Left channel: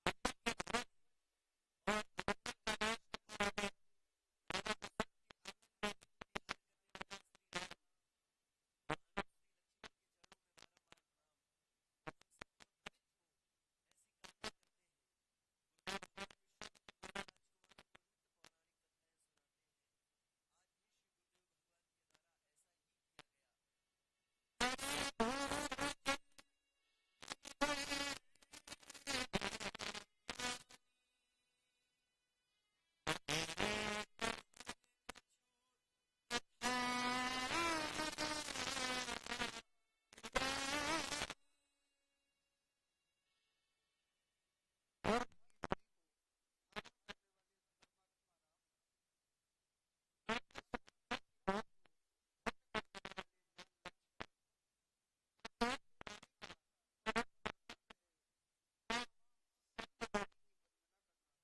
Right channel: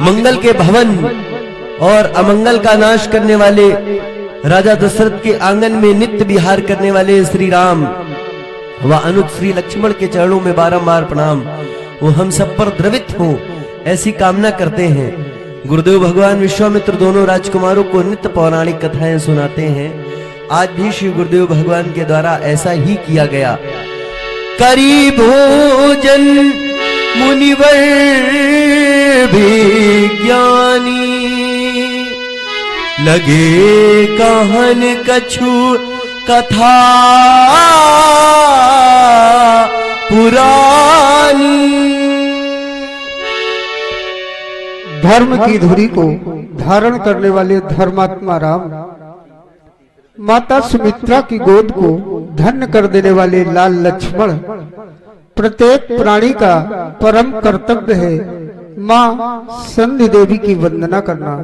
मंगल के भवन और अमंगल का नाश करने वाले राजा दशरथ के आंगन में नित्य विहार करने वाले श्री राम व अनुज श्री लक्ष्मण के चरणों में बारंबार प्रणाम। वो हम सब पर द्रवित हो ऐसी कामना करते हैं। गुरुदेव भगवान विश्वामित्र दोनों राजकुमारों को नित्य पौराणिक कथाएं सुनाते हैं। आज भी श्री गुरुदेव भगवान के द्वारा ऐसा ही किया गया। करी भोजन मुनिवर भी ज्ञानी, लगे कहन कछु कथा पुरानी। धर्म की धुरी को धारण करने वाले धर्मात्मा राम, माता सुमित्रा की गोद को धन्य कर देने वाले लाल लक्ष्मण, प्रत्येक प्राणी का परम कर्तव्य है माँ संधि देवी की वंदना करना।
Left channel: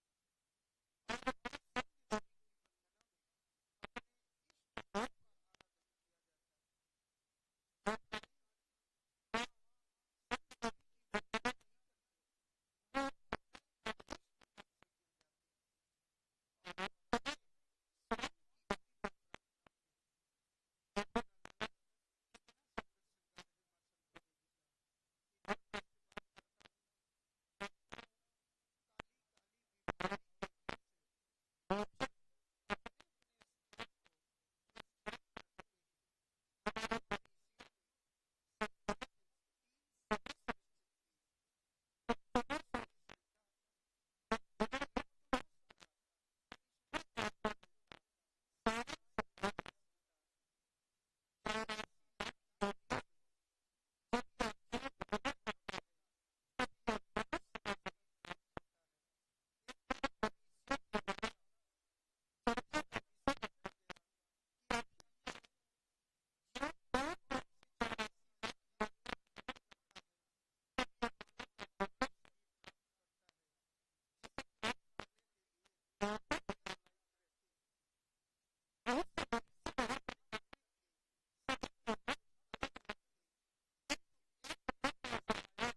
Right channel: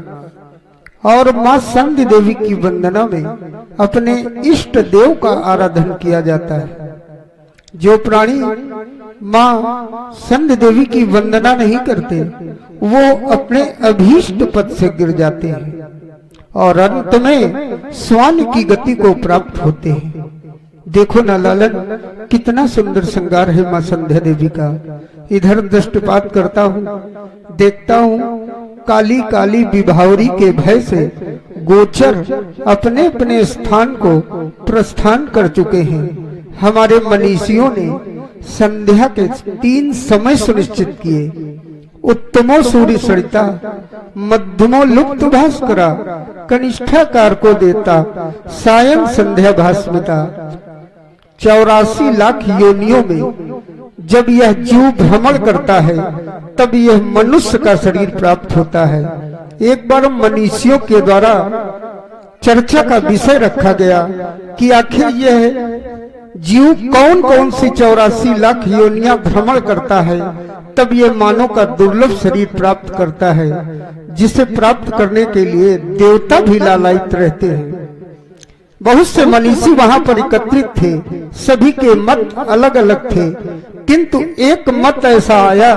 और माँ संधि देवी की वंदना में अपने इष्ट देव का आराधन किया जाता है। जो प्राणी माँ संधि देवी की वंदना नहीं करते वो अपने अभीष्ट पद से गिर जाते हैं और अंत में स्वान की गति को प्राप्त होते हैं। देखो ना लालन, कितना सुंदर श्रृंगार है माँ संध्या देवी का। इधर दृष्टिपात करता हूँ, देखता हूँ काली काली विभावरी के भय से गोचर अपने अपने स्थान को प्रस्थान कर चुके हैं। हमारे मनीषियों ने संध्या के 3 समय सुनिश्चित किए। उत्तमो सूर्य सरिता, मध्यमो लुप्त भास्करा, कनिष्ठाकार को देता, सायं संध्या भास्मिता। 84 लाख योनियों में जब यह जीव भ्रमण करता है तब यह मनुष्य का शरीर प्राप्त होता है। एक बार मनीषियों के द्वारा चर्चा का विषय रखा गया कि आखिर यह जीव कौन कौन सी 84 लाख योनियां भ्रमण करता है तब यह मानव का दुर्लभ शरीर प्राप्त करता है, जिसे प्राप्त करने के लिए देवता भी लालायित रहते हैं। बहुत से मनीषी वहां पर एकत्रित थे, सभी के मत अलग अलग थे, किंतु एक मत ऐसा आया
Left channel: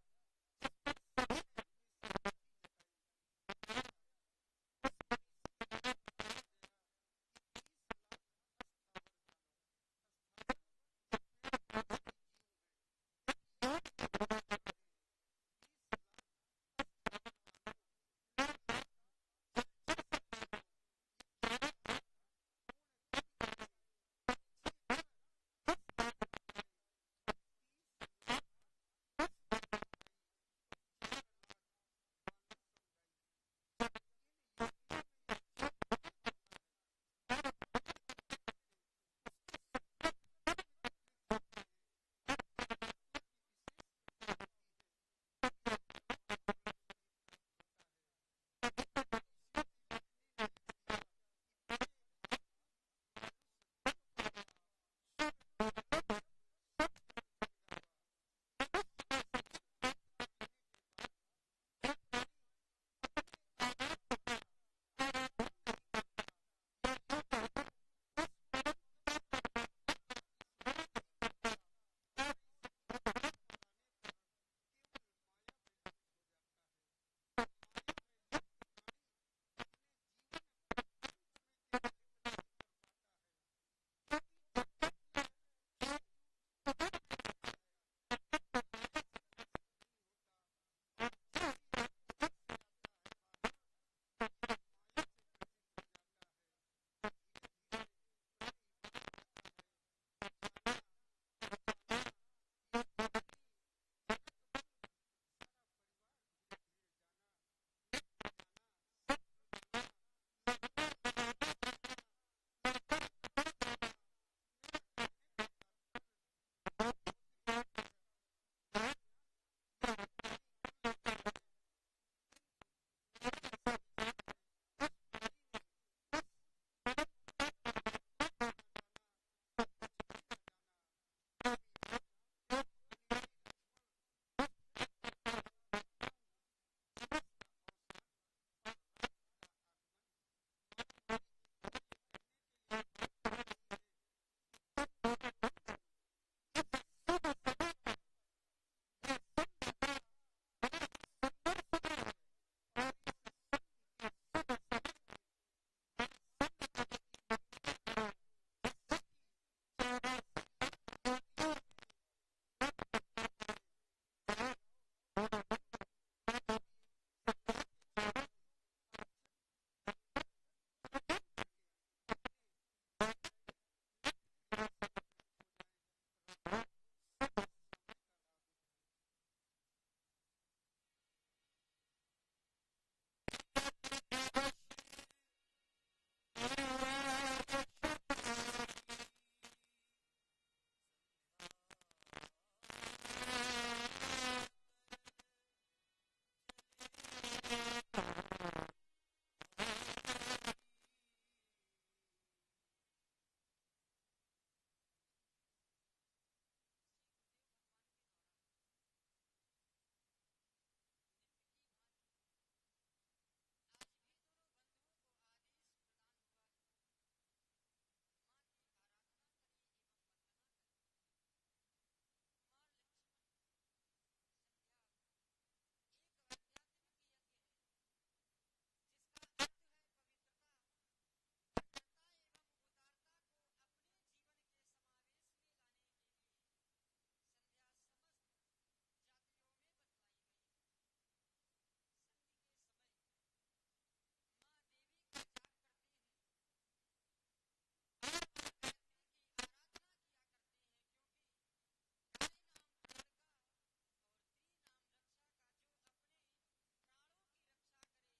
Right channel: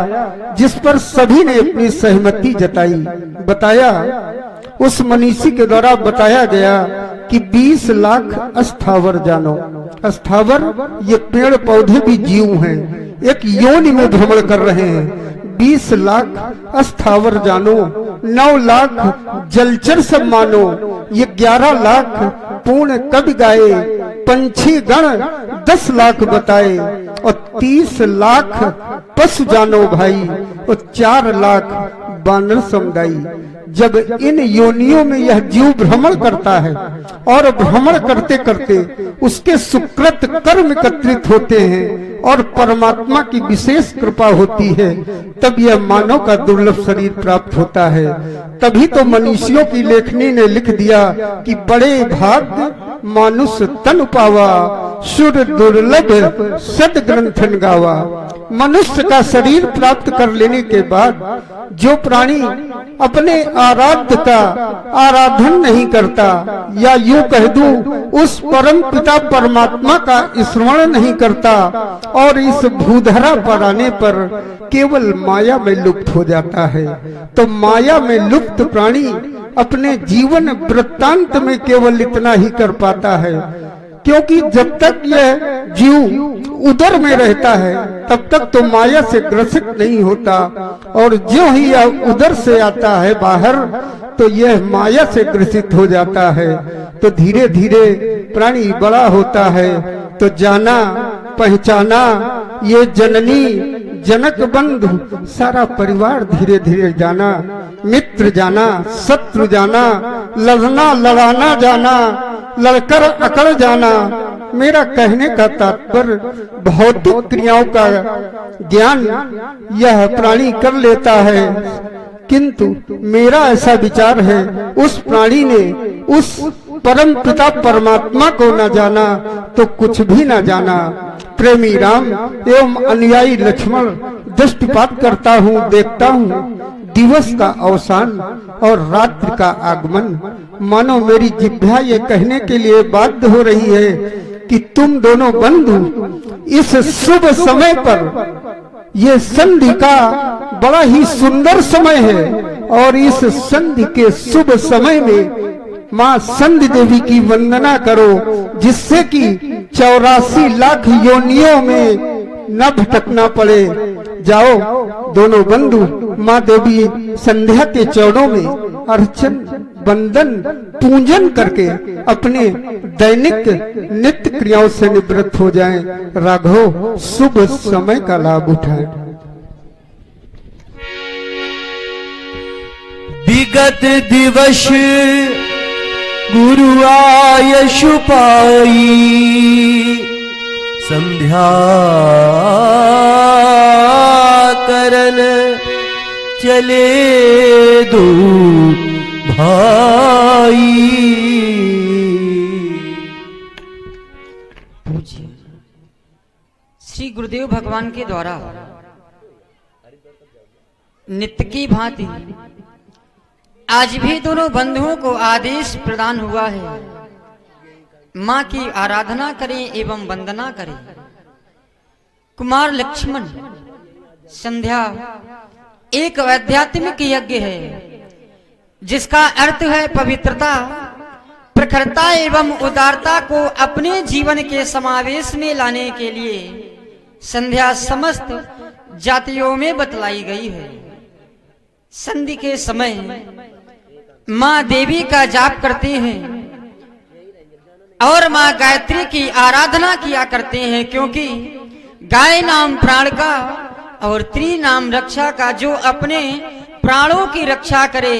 जिस पर सभी ने अपनी सहमति जताई। बताया, उस मनीषी के द्वारा बताया गया कि 20 लाख अस्थावर जानो। अस्थावर ये पेड़ पौधे भी जीव हैं, एक योनि में भ्रमण कर रहे हैं। 20 लाख अस्थावर जानो, 9 लाख जलचर सब मानो, ये 11 लाख पूर्ण कवि गाए, पंछी गण 10 लाख बताए और 30 लाख पशु जानो भाई और 4 लाख बानर समुदाई। जब इन योनियों में यह जीव भ्रमण करता है और भ्रमण करते करते उसके सुकृत कर्म एकत्रित होते हैं और परमात्मा की विशेष कृपा होती है, तब यह मानव का दुर्लभ शरीर प्राप्त होता है। तभी तो मनीषियों की लेखनी ने लिख दिया कि बड़े भाग्य मानुष तन पावा, सुर दुर्लभ सद ग्रंथन गावा। मनुष्य का शरीर प्राप्त कर लेने के बाद जो प्राणी अपने आराध्य का आराधन नहीं करता, या यूं कह दूं उस परम पिता परमात्मा का स्मरण नहीं करता और इस भूधरा पर आने पर केवल माया में लुप्त हो जाता है, तो माया में लुप्त प्राणी अपने जीवन वृत्तांत में केवल इतना ही कर पाता है। क्योंकि जब तक यह जीव उदर में रहता है तब तक तो माया से ग्रसित नहीं होता, और जो ही यह उदर से आता है बाहर तो यह माया से ग्रसित हो जाता है। तो धीरे धीरे प्राणी बड़ा होता है तो जाना पहचाना ये जननी जनक बंधु सारा परिवार धीरे धीरे जाना, मित्र जाना, शत्रु जाना, लड़ना लड़ाना जाना, लड़कर अकड़ जाना। मेरा कहने का तात्पर्य भौतिक क्रियाओं का ज्ञान यह प्राणी कर लेता है, किंतु मेरा ऐसा विचार है उस प्राणी ने उस परम पिता परमात्मा को न जाना तो कुछ भी न जाना। प्रेमी राम एवं अनुयायी लक्ष्मण दृष्टिपात करता हूँ, देखता हूँ दिवस का अवसान और रात्रि का आगमन। मानो मेरी जिह्वा ये कहने के लिए बाध्य हो रही है कि तुम दोनों बंधु इस शुभ समय पर ये संधि का बड़ा ही सुंदर समय है और इस संधि के शुभ समय में माँ संधि देवी की वंदना करो, जिससे कि 84 लाख योनियों में न भटकना पड़े। जाओ दोनों बंधु माँ देवी संध्या के चरणों में अर्चन वंदन पूजन करके अपने दैनिक नित्य क्रियाओं से निवृत्त हो जाएं। राघव शुभ समय का लाभ उठाएं। विगत दिवस गुरु आयश पाई, संध्या करन चले दो भाई। पूज्य श्री गुरुदेव भगवान के द्वारा नित्य की भांति आज भी दोनों बंधुओं को आदेश प्रदान हुआ है, मां की आराधना करें एवं वंदना करें। कुमार लक्ष्मण संध्या एक आध्यात्मिक यज्ञ है, जिसका अर्थ है पवित्रता, प्रखरता एवं उदारता को अपने जीवन के समावेश में लाने के लिए संध्या समस्त जातियों में बतलाई गई है। संधि के समय मां देवी का जाप करते हैं और मां गायत्री की आराधना किया करते हैं, क्योंकि गाय नाम प्राण का और त्री नाम रक्षा का। जो अपने प्राणों की रक्षा करे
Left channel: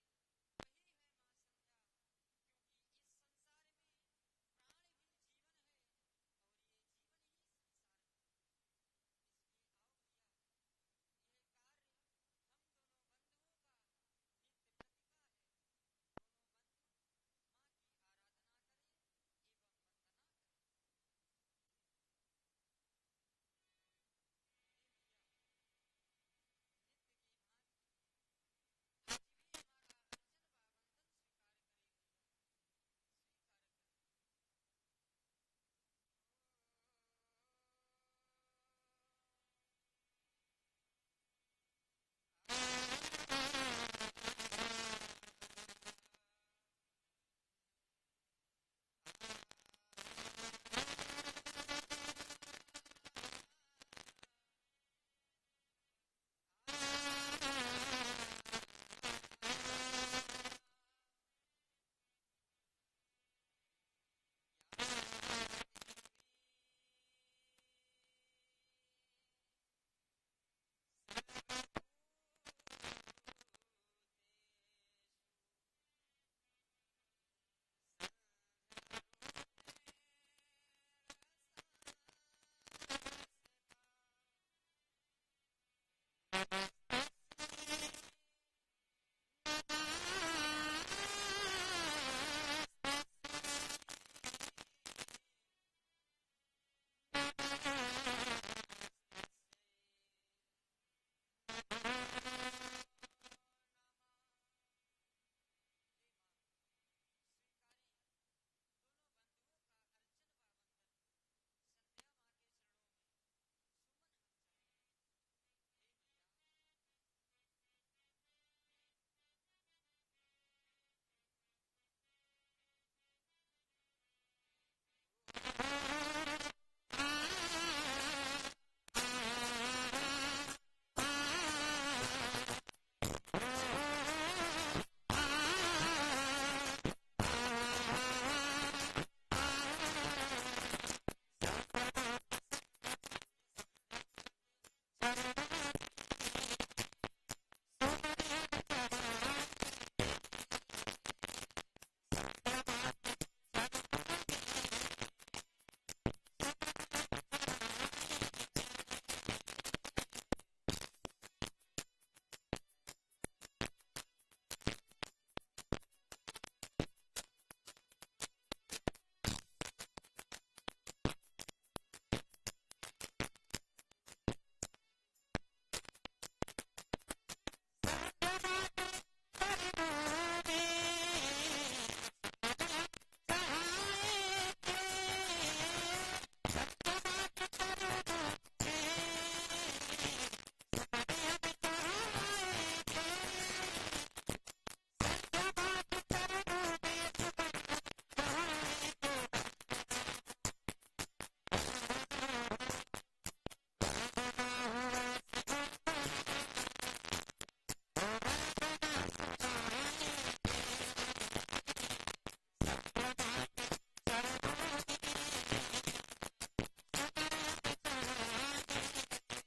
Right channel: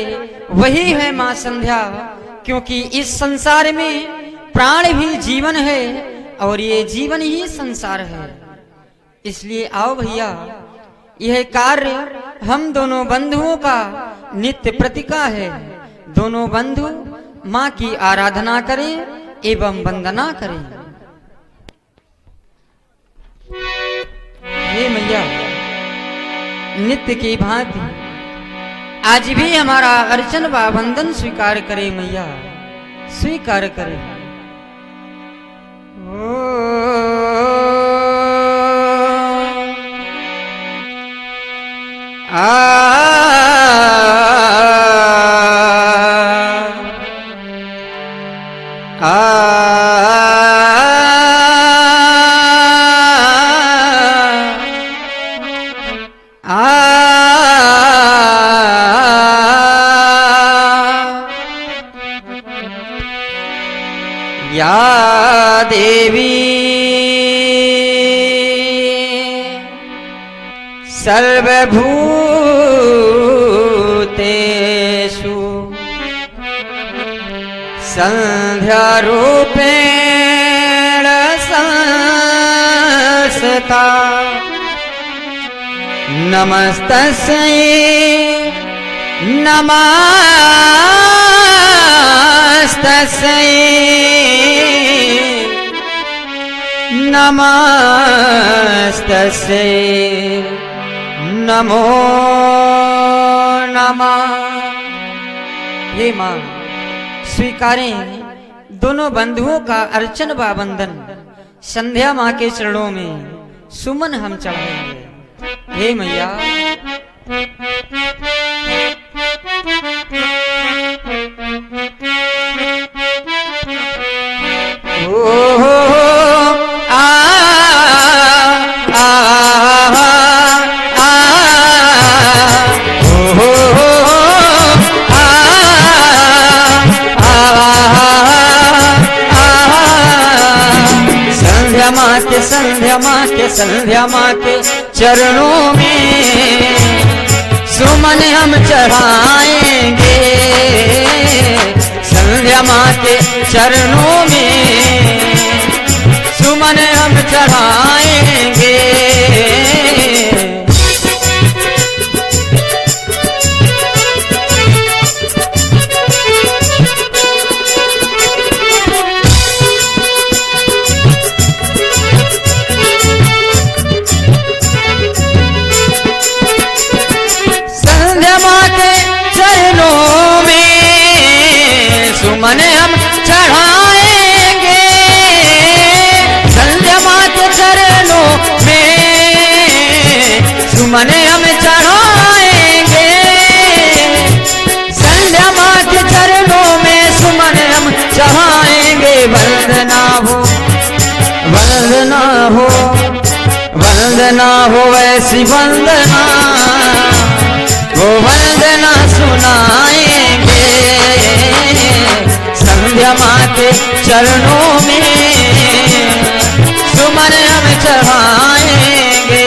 वही है मां संध्या, क्योंकि इस संसार में प्राण भी जीवन है और ये जीवन ही संसार है। इसलिए आओ भैया, यह कार्य हम दोनों बंधुओं का नित्य प्रतिका है। दोनों बंधु मां की आराधना करें एवं वंदना करें। हे मैया, नित्य की भांति आज भी हमारा अर्चन व वंदन स्वीकार करे मैया, स्वीकार करे। या देवी सर्वभूतेषु संध्या रूपेण संस्थिता, नमस्तस्यै नमस्तस्यै नमस्तस्यै नमो नमः। हे मां, स्वीकारें दोनों बंधुओं का अर्चन व वंदन। संध्या मां के चरणों में सुमन हम चढ़ाएंगे। हे मैया, संध्या माँ के चरणों में सुमन हम चढ़ाएंगे। संध्या माँ के चरणों में सुमन हम चढ़ाएंगे। सुमन हम चढ़ाएंगे। संध्या मां के चरणों में सुमन हम चढ़ाएंगे। सुनाएंगे, संध्या माँ के चरणों में सुमन हम चढ़ाएंगे।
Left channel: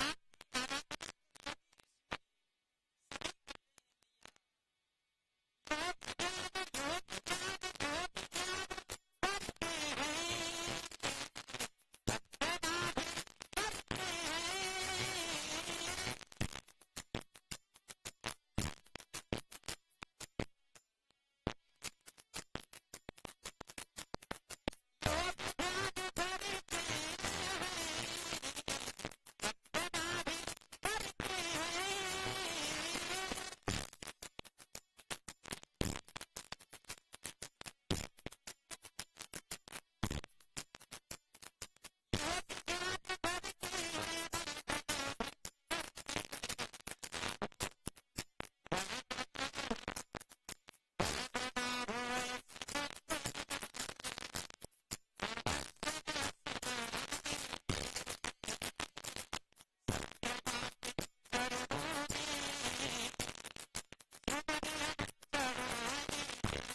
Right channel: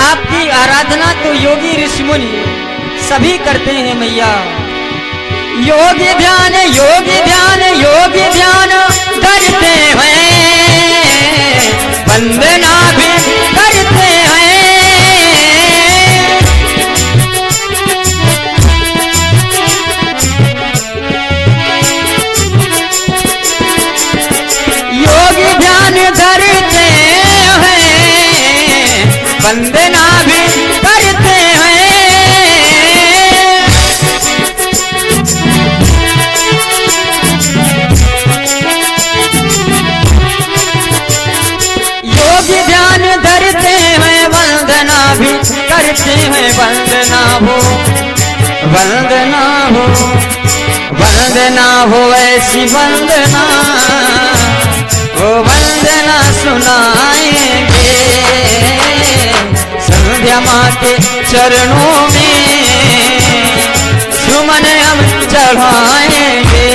आपकी आराधना तो योगी ऋषि मुनि सभी करते हैं मैया। योगी ध्यान योगी ध्यान योगी ध्यान करते हैं, वंदना भी करते हैं। योगी ध्यान धरते हैं, वंदना भी करते हैं। योगी ध्यान धरते हैं, वंदना भी करते हैं। वंदना हो वंदना हो वंदना हो ऐसी वंदना, वो वंदना सुनाएंगे, संध्या माँ के चरणों में सुमन हम चढ़ाएंगे।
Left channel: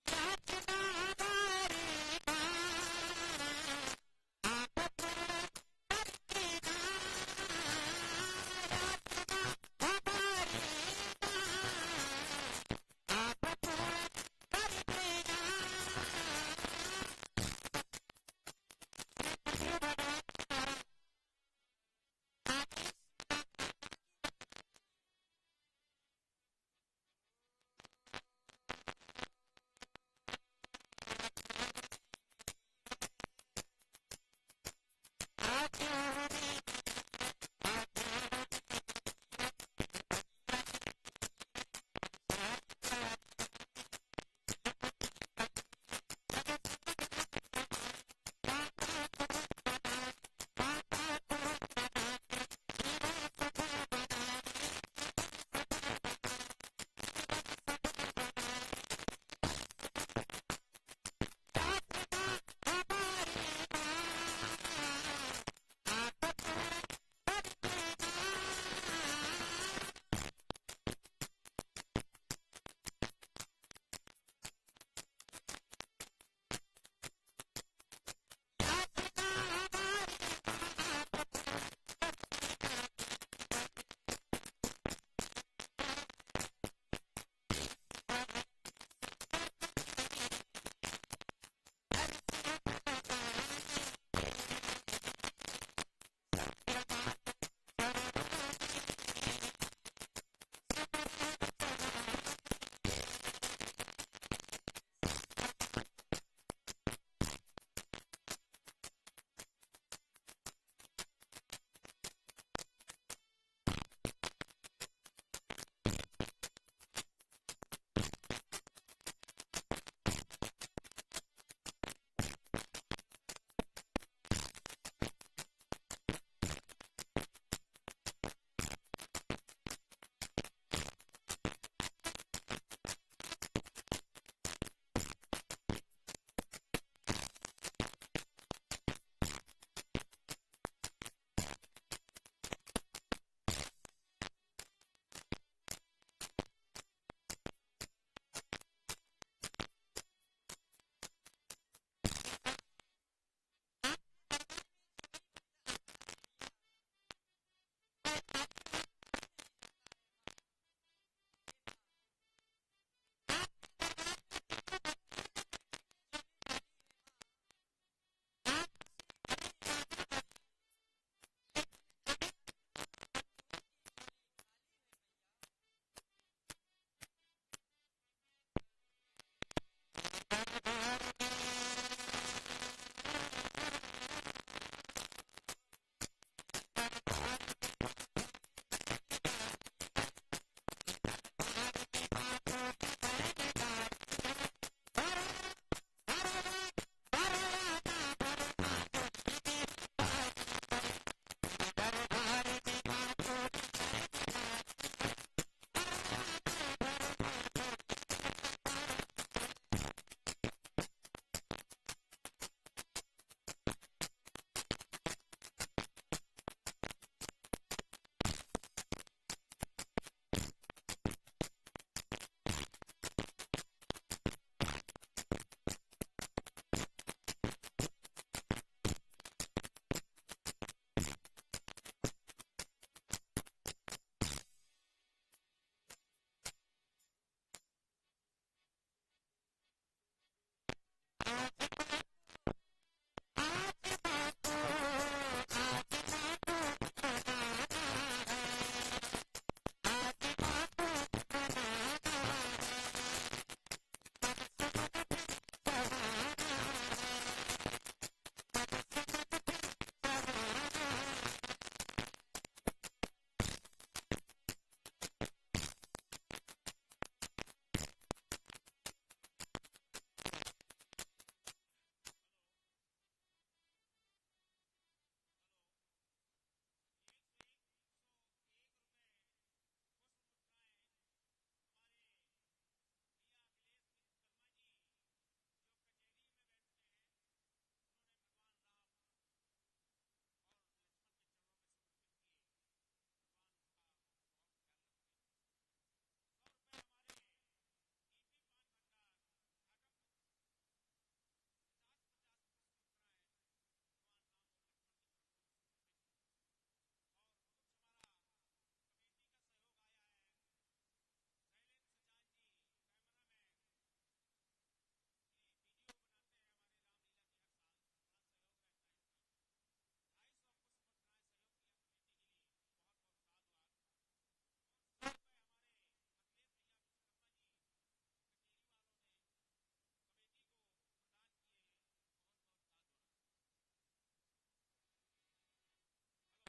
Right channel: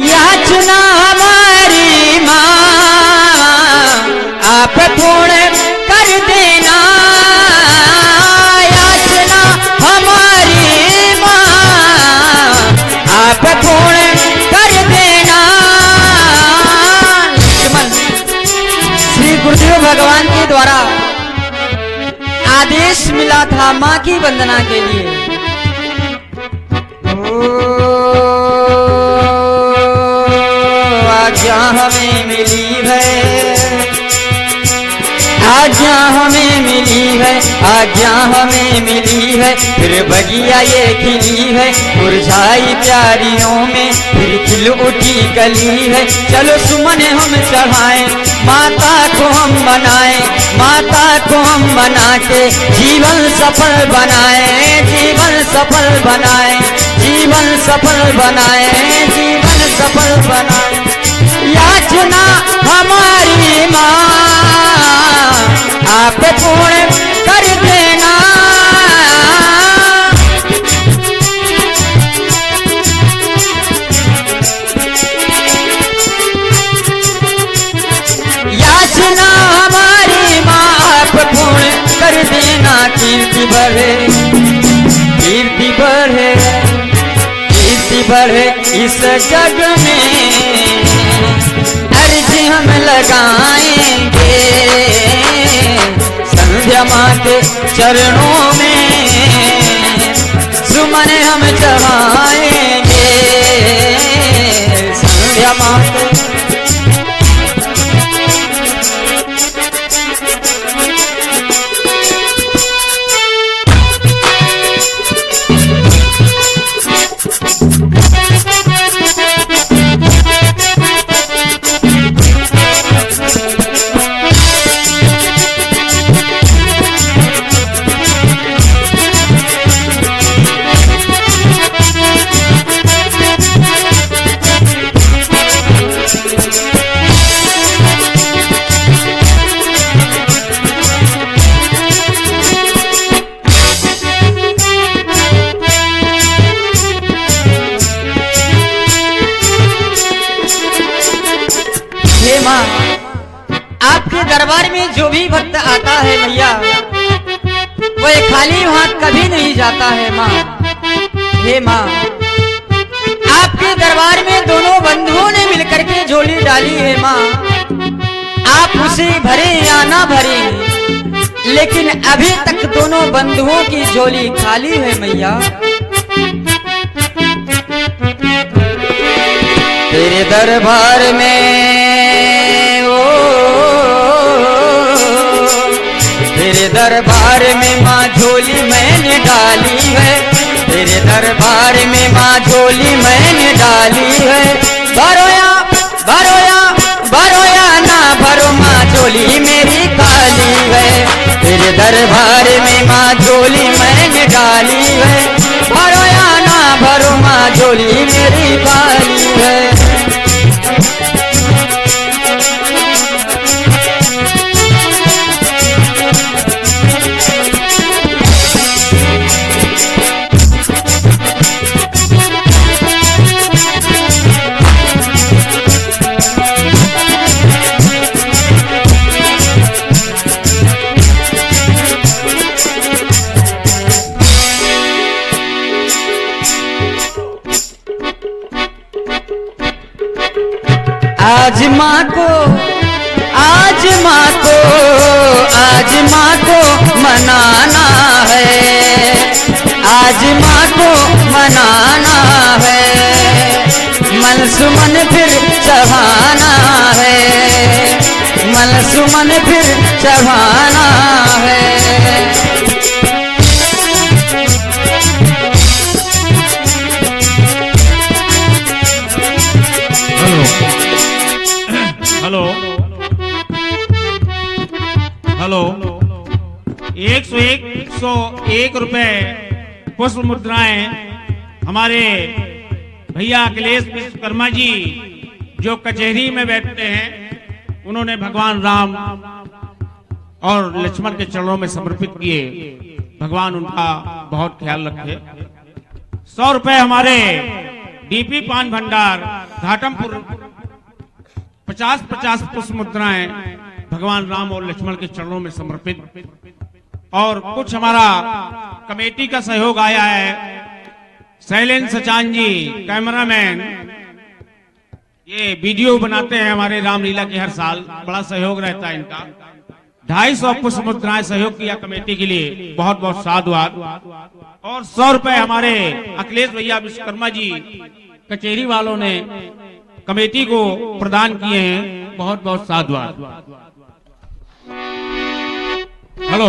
याचना हमारी माँ आप पूर्ण कर देना, याचना हमारी माँ आप पूर्ण कर देना। लक्ष्मण श्री गुरुदेव भगवान के द्वारा आदेश मिला था माँ की वंदना के लिए। आज्ञा हमें मिली है, आज्ञा हमें मिली है, आज्ञा हमें मिली है। फिर बगिया ये खिली है, मुरझाई प्यारियों में फिर खिल उठी कली है। चलो सुमन हम चढ़ाएं, माता को हम बनाएं, माता को हम बना के जीवन सफल बनाएं, जीवन सफल बनाएं, जीवन सफल बनाएं, जीवन सफल बनाएं। याचना हमारी माँ आप पूर्ण कर देना। याचना हमारी माँ आप पूर्ण कर देना। कीर्ति बढ़े, कीर्ति बढ़े, कीर्ति बढ़े इस जग में, अर्जी हम लगाएंगे, संध्या माँ के चरणों में सुमन हम चढ़ाएंगे, संध्या माँ के। हे माँ, आपके दरबार में जो भी भक्त आता है मैया, वह खाली हाथ कभी नहीं जाता है माँ। हे माँ, आपके दरबार में दोनों बंधुओं ने मिलकर के झोली डाली है माँ। आप उसे भरे या ना भरे, लेकिन अभी तक दोनों बंधुओं की झोली खाली है मैया। तेरे दरबार में ओ, तेरे दरबार में माँ झोली मैंने डाली है। तेरे दरबार में माँ झोली मैंने डाली है। भरोया भरोया भरोया ना भरो माँ झोली मेरी खाली है। तेरे दरबार में माँ झोली मैंने डाली है। भरोया ना भरो माँ झोली मेरी खाली है। आज माँ को आज माँ को आज माँ को मनाना है। आज माँ को मनाना है। मन सुमन फिर चढ़ाना है। मन सुमन फिर चढ़ाना है। हेलो हेलो 101 रुपए पुष्प मुद्राएं हमारे भैया अखिलेश विश्वकर्मा जी जो कचहरी में बैठते हैं, उन्होंने भगवान राम और लक्ष्मण के चरणों में समर्पित किए। भगवान उनका बहुत ख्याल रखे। 100 रुपए हमारे डीपी पान भंडार घाटमपुर 50-50 पुष्प मुद्राएं भगवान राम और लक्ष्मण के चरणों में समर्पित। और कुछ हमारा कमेटी का सहयोग आया है। शैलेंद्र सचान जी कैमरामैन, ये वीडियो बनाते हैं हमारे रामलीला के, हर साल बड़ा सहयोग रहता है इनका। 250 पुष्प मुद्राएं सहयोग किया कमेटी के लिए, बहुत बहुत साधुवाद। और 100 रुपए हमारे अखिलेश भैया विश्वकर्मा जी कचहरी वालों ने कमेटी को प्रदान किए हैं, बहुत बहुत साधुवाद। हेलो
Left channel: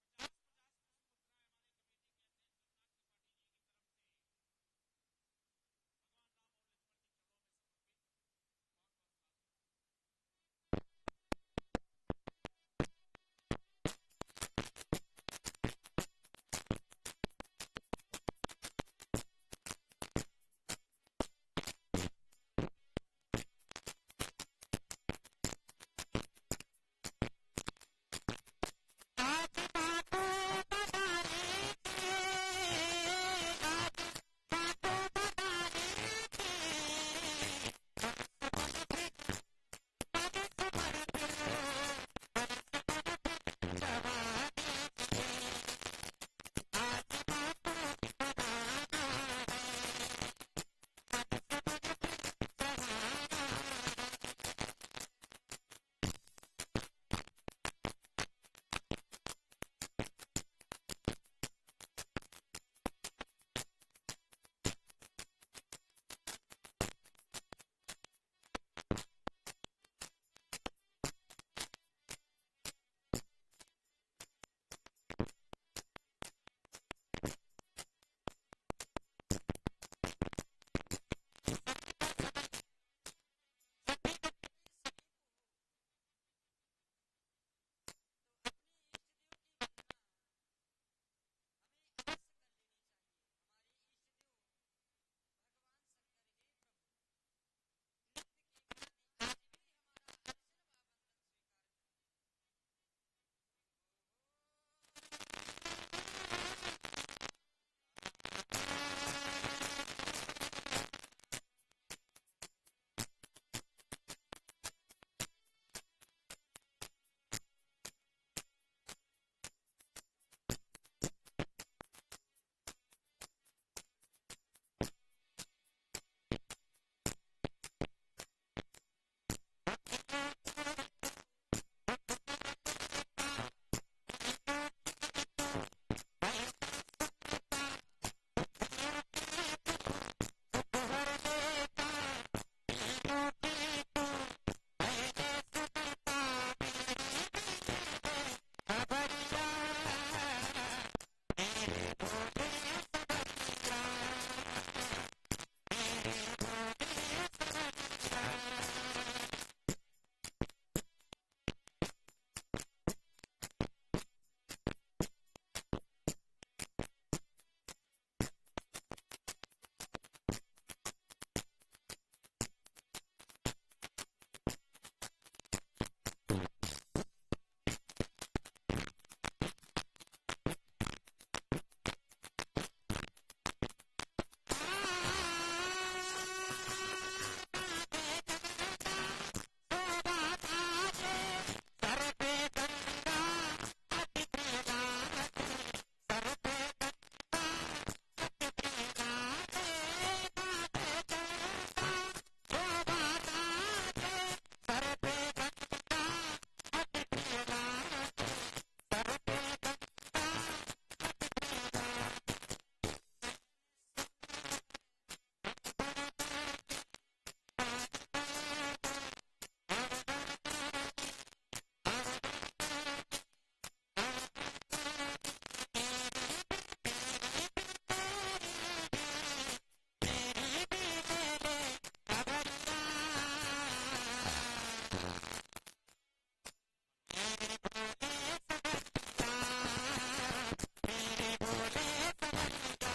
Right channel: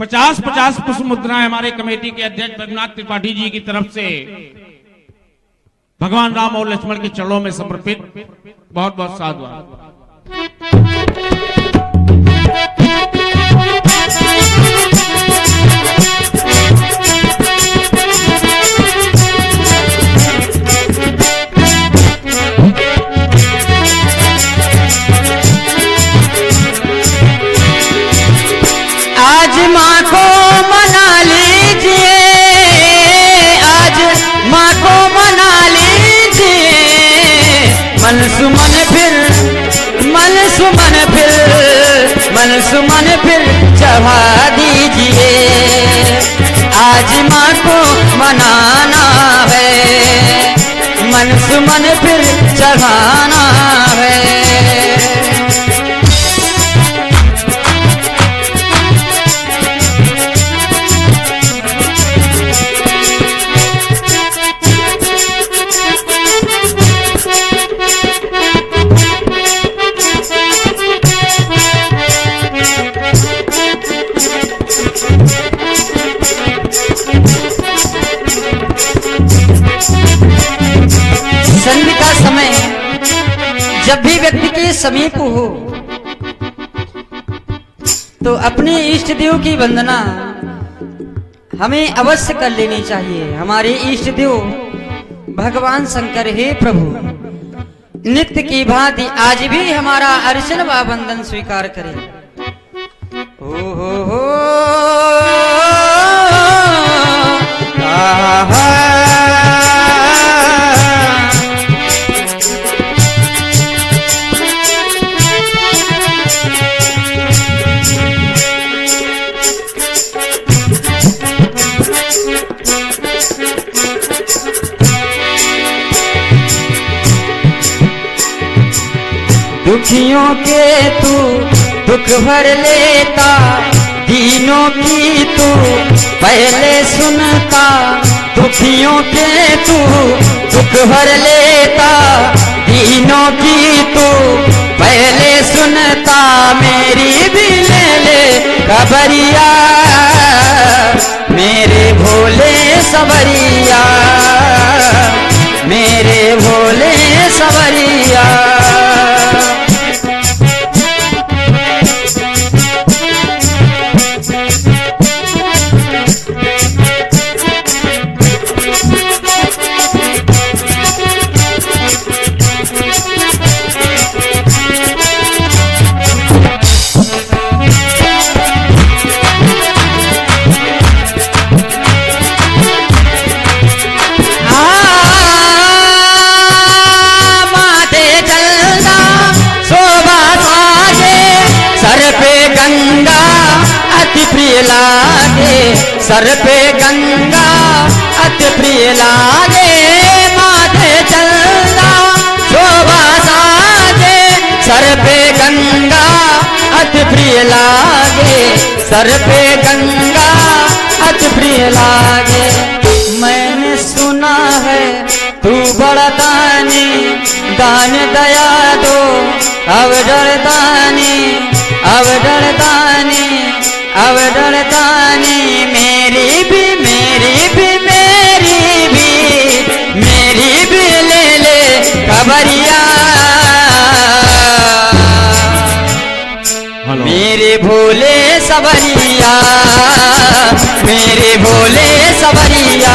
50-50 पुष्प मुद्राएं हमारे कमेटी के अध्यक्ष रघुनाथ त्रिपाठी जी की तरफ से भगवान राम और लक्ष्मण के चरणों में समर्पित, बहुत बहुत साधुवाद। आज माँ को मना लीजिए, आज माँ को मना लीजिए। मन सुमन फिर मन सुमन फिर मन सुमन फिर चढ़ा दीजिए। आज माँ को मनाना है। मन सुमन फिर चढ़ाना है। संध्या का समय जब भी व्यक्ति के समीप हो तो अपने इष्ट देव की वंदना हमें अवश्य कर लेनी चाहिए। हमारे इष्ट देव भगवान शंकर, हे प्रभु नित्य की भांति आज भी हमारा अर्चन व वंदन स्वीकार करें। हो दुखियों के तू दुख भर लेता, दीनों की तू पहले सुनता। दुखियों के तू दुख भर लेता, दीनों की तू पहले सुनता। मेरी भी ले खबरिया, मेरे भोले सवरिया, मेरे भोले सवरिया। सर पे गंगा अति प्रिय लागे, माथे चलना शोभा साजे। सर पे गंगा अति प्रिय लागे, सर पे गंगा अति प्रिय लागे। मैंने सुना है तू बड़ा दानी, दान दया दो अब डरदानी, अब डरदानी, अब डरदानी। मेरी भी ले खबरिया, मेरे भोले सवरिया, मेरे भोले सवरिया,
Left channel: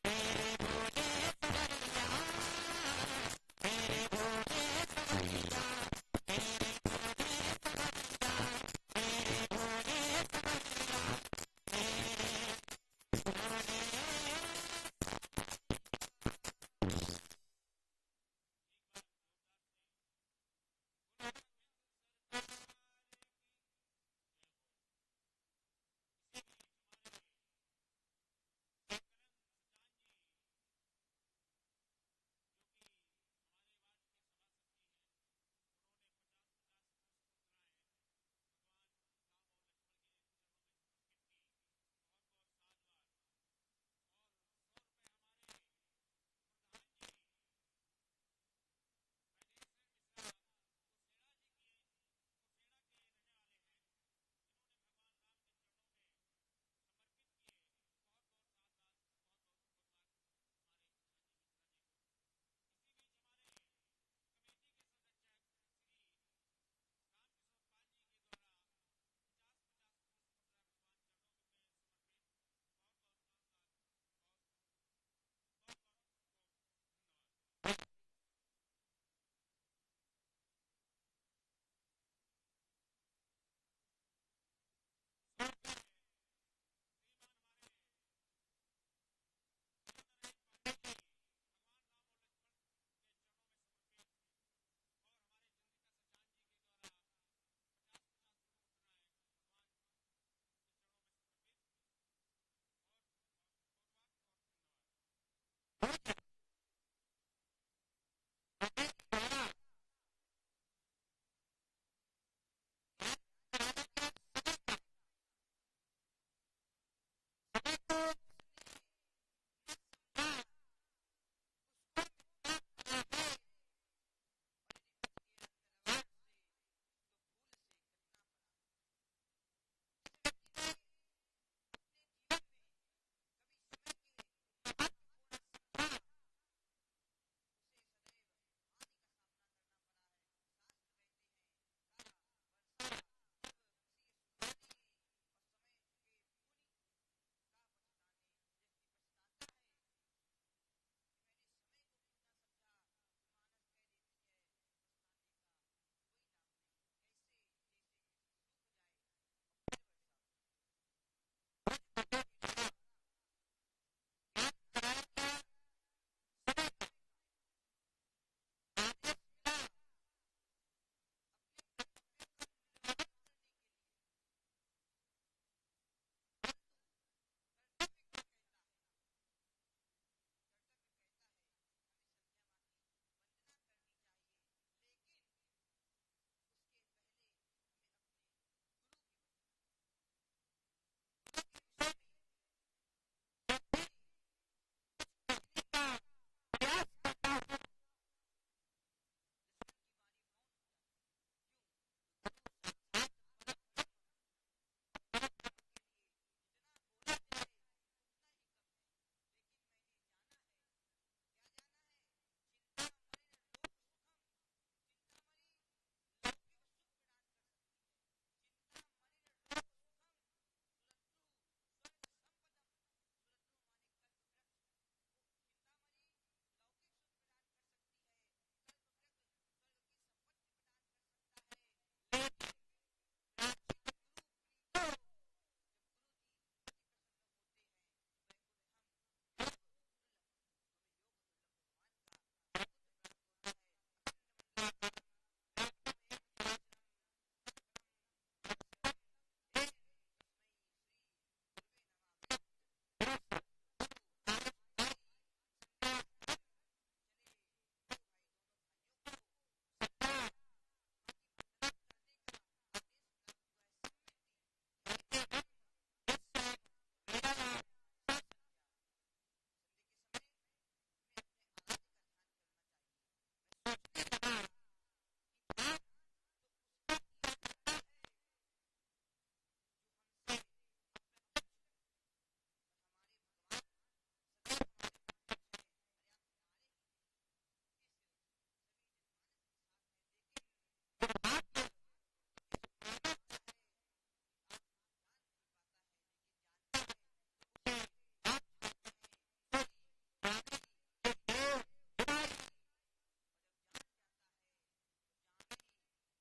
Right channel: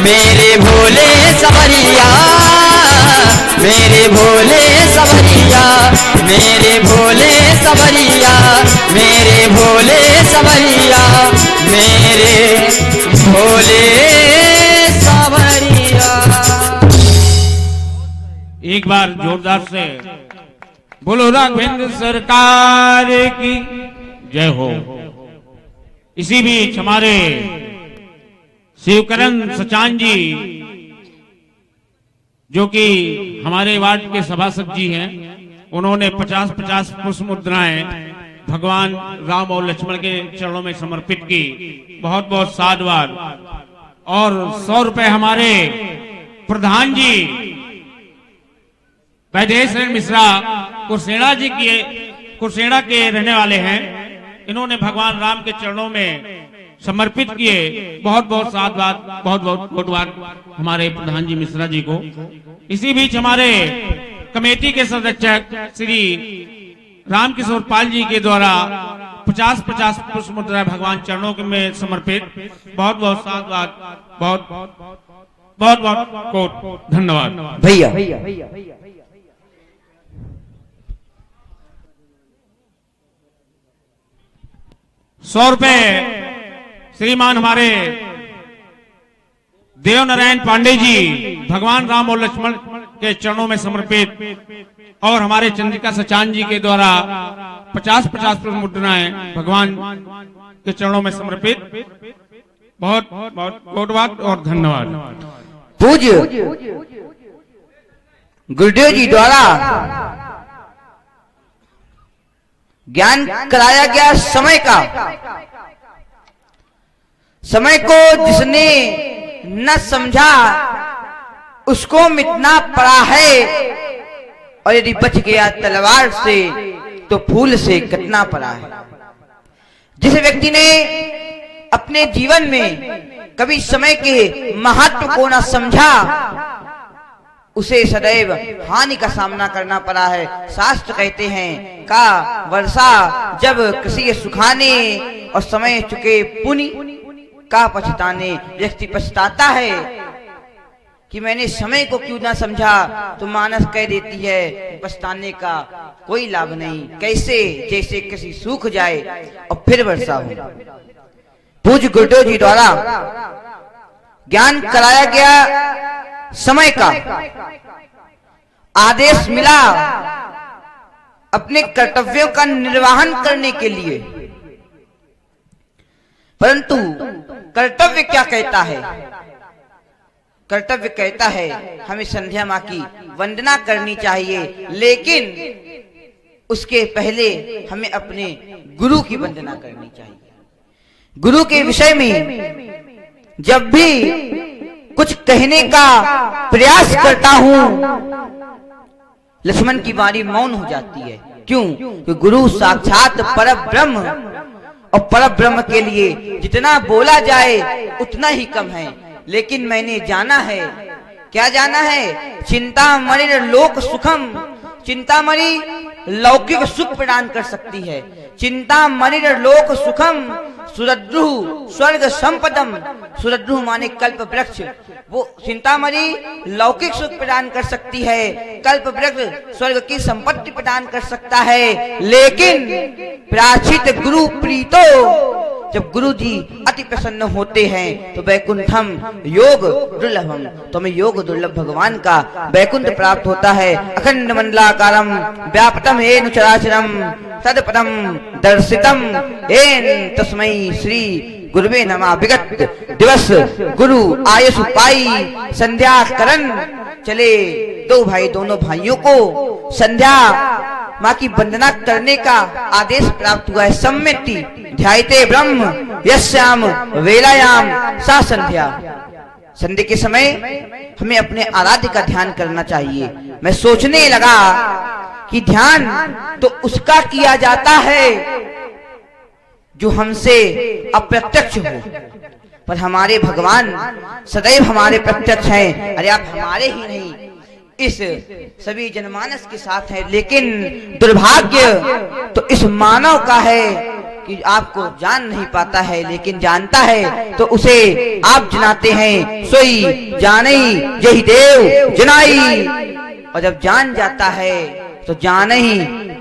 मेरे भोले सवरिया, मेरे भोले सवरिया, मेरे भोले सवरिया, मेरे भोले सवरिया, मेरे भोले सवरिया। एक बार जोरदार से बोलो राघवेंद्र सरकार की जय हो। इसी बीच हमारे शिवकरण सचान जी, जो कि हमारे वार्ड के सभासद जी हैं, उन्होंने 50-50 पुष्प मुद्राएं भगवान राम और लक्ष्मण के चरणों में समर्पित की। बहुत बहुत साधुवाद। और 100 रुपए हमारे प्रधान जी वैदेश मिश्रा कुरसेड़ा के रहने वाले हैं, इन्होंने भगवान राम के चरणों में समर्पित किए। बहुत बहुत साधुवाद, बहुत बहुत धन्यवाद हमारे प्रधान जी मिश्रा जी को। इसी बीच हमारे कमेटी के सदस्य श्री रामकिशोर पाल जी के द्वारा 50-50 पुष्प मुद्रा भगवान चरणों में समर्पित। बहुत बहुत साधुवाद, बहुत बहुत बहुत धन्यवाद भैया। 100 रुपए श्रीमान हमारे देव नारायण पांडे जी भगवान राम और लक्ष्मण के चरणों में समर्पित, और हमारे चंद्रिका सचान जी के द्वारा 50-50 मुद्राएं भगवान के चरणों में समर्पित। बहुत बहुत धन्यवाद और धन्यवाद। पूज्य गुरुदेव जी द्वारा ज्ञान कराया गया समय को जिसने न समझा उसको मिटना पड़ा है, और यदि बच गया तलवार से तो फूल से कटना पड़ा है। जिस व्यक्ति ने अपने जीवन में कभी समय के महत्व को न समझा, उसे सदैव हानि का सामना करना पड़ा है। शास्त्र कहते हैं का वर्षा जब कृषि के सुखाने और समय चुके पुण्य का पछताने। व्यक्ति पछताता है कि मैंने समय को क्यों ना समझा, तो मानस कह देती है पछताने का कोई लाभ नहीं। कैसे? जैसे किसी सूख जाए और फिर वर्षा हो। पूज्य गुरुदेव जी द्वारा ज्ञान कराया गया समय का आदेश मिला अपने कर्तव्यों का निर्वहन करने के लिए, परंतु कर्तव्य क्या कहता है? कर्तव्य कहता है हमें संध्या माँ की वंदना करनी चाहिए, लेकिन उसके पहले हमें अपने गुरु की वंदना करनी चाहिए। गुरु के विषय में जब भी कुछ कहने का प्रयास करता हूं, लक्ष्मण की वाणी मौन हो जाती है। क्यों? कि गुरु साक्षात परब्रह्म, और परब्रह्म के लिए जितना बोला जाए उतना ही कम है। लेकिन मैंने जाना है, क्या जाना है? चिंतामणि लोक सुखम, चिंतामणि लौकिक सुख प्रदान कर सकती है। चिंतामणि लोक सुखम सुरद्रुह स्वर्ग संपदम, सुरद्रुह माने कल्प वृक्ष, वो चिंतामणि लौकिक सुख प्रदान कर सकती है, कल्प वृक्ष स्वर्ग की संपत्ति प्रदान कर सकता है। लेकिन प्राचित गुरु प्रीतो, जब गुरु जी अति प्रसन्न होते हैं तो वैकुंठम योग दुर्लभम, तो हमें योग दुर्लभ भगवान का वैकुंठ प्राप्त होता है। अखंड मंडलाकारम व्यापतम येन चराचरम तदपदम दर्शितम येन तस्मै श्री गुरुवे नमः। विगत दिवस गुरु आयसु पाई संध्या करन चले, दो भाई दोनों भाइयों को संध्या माँ की वंदना करने का आदेश प्राप्त हुआ है। सम्मिति ध्यायते ब्रह्म यस्याम वेलायाम सा संध्या, संध्या के समय हमें अपने आराध्य का ध्यान करना चाहिए। मैं सोचने लगा कि ध्यान तो उसका किया जाता है जो हमसे अप्रत्यक्ष हो, पर हमारे भगवान सदैव हमारे प्रत्यक्ष हैं। अरे आप हमारे ही नहीं, इस सभी जनमानस के साथ है। लेकिन दुर्भाग्य तो इस मानव का है कि आपको जान नहीं पाता है, लेकिन जानता है तो उसे आप जनाते हैं। सोई जाने यही देव जनाई, और जब जान जाता है तो जाने ही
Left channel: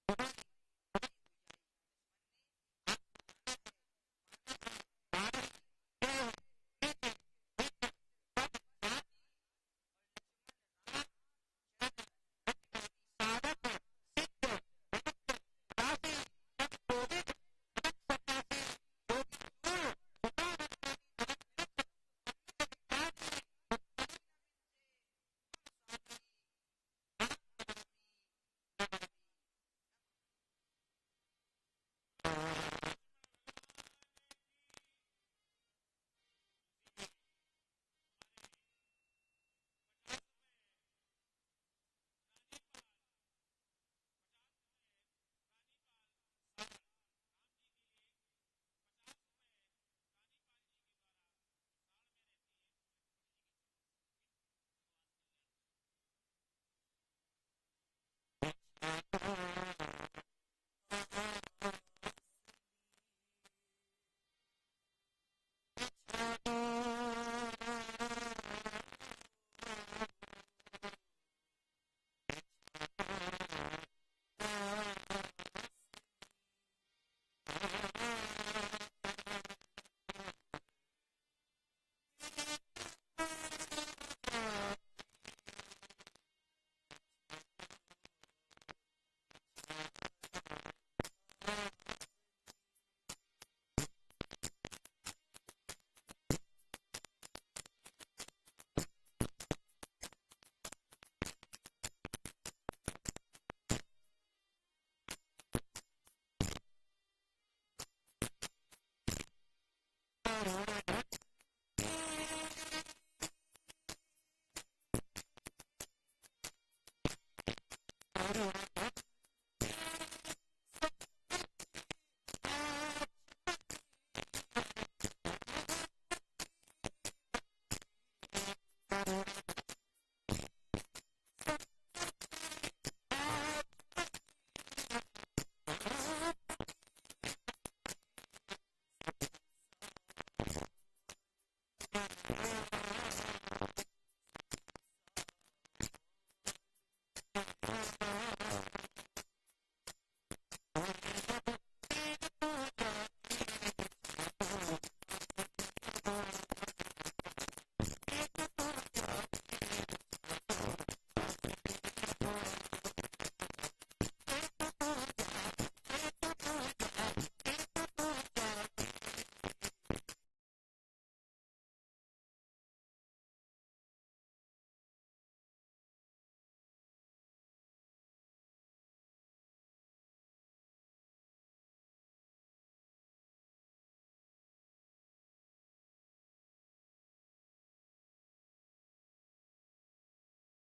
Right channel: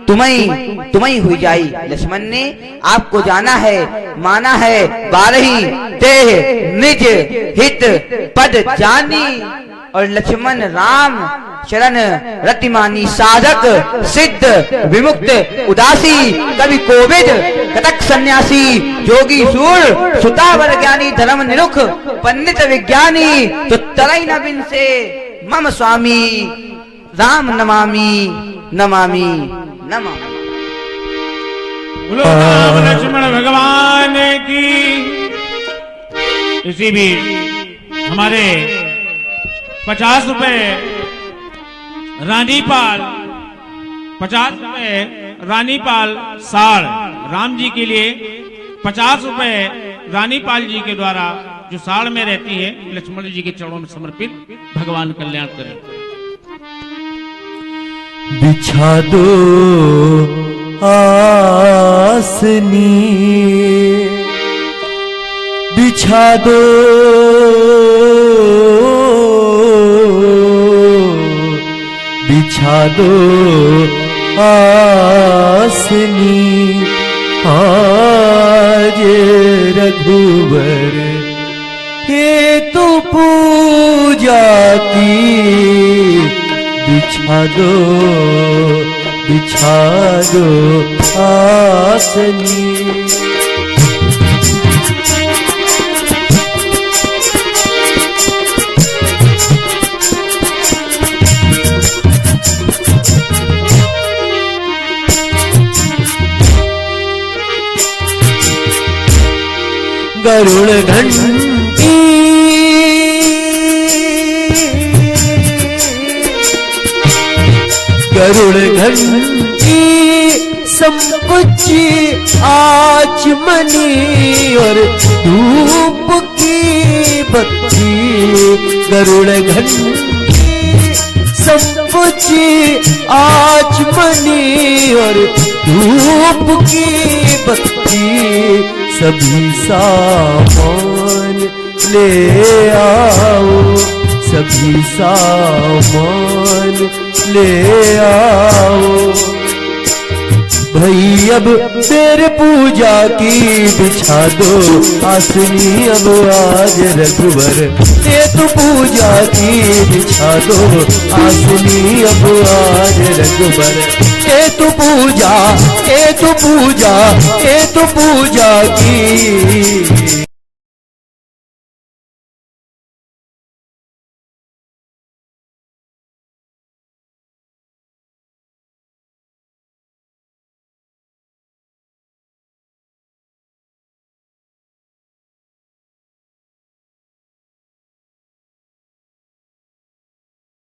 तुम्हें हुई जाई। लक्ष्मण ने आपको जाना है, माना है, बारही देह निज हित पद जानी, और लक्ष्मण राम चरण रतिमानी साधक सिद्ध विमुक्त उदासी, कवि कोविद कटक सन्यासी, जोगी सूर सुतावर ज्ञानी, धर्म निरुख पंडित विज्ञानी, तो तरई नबिन से मम स्वामी राम नमामि नमामि नमामि। बोलो राम लक्ष्मण भगवान की। इसी बीच हमारे 50 रुपए रानीपाल, 50 रुपए रानीपाल साड़ राम जी के लिए, 50 रुपए रानीपाल जी के द्वारा जो साड़ में रहती है लक्ष्मण जी के चरणों में समर्पित। भगवान कल्याण करें। बिछा दो आसनी, बिछा दो बिछा दो आसनी, आज रघुवर हेतु पूजा की। बिछा दो आसनी। गरुड़ घंटी गरुड़ घंटी संपुची आचमनी, और धूप की बत्ती। गरुड़ घंटी संपुची आचमनी, और धूप की बत्ती। सभी सामान ले आओ, सभी सामान ले आओ। भई अब तेरे पूजा की बिछा दो आसनी, अब आज रघुवर ये तो पूजा की बिछा दो आसनी, अब आज रघुवर ये तो पूजा, ये तो पूजा, ये तो पूजा की।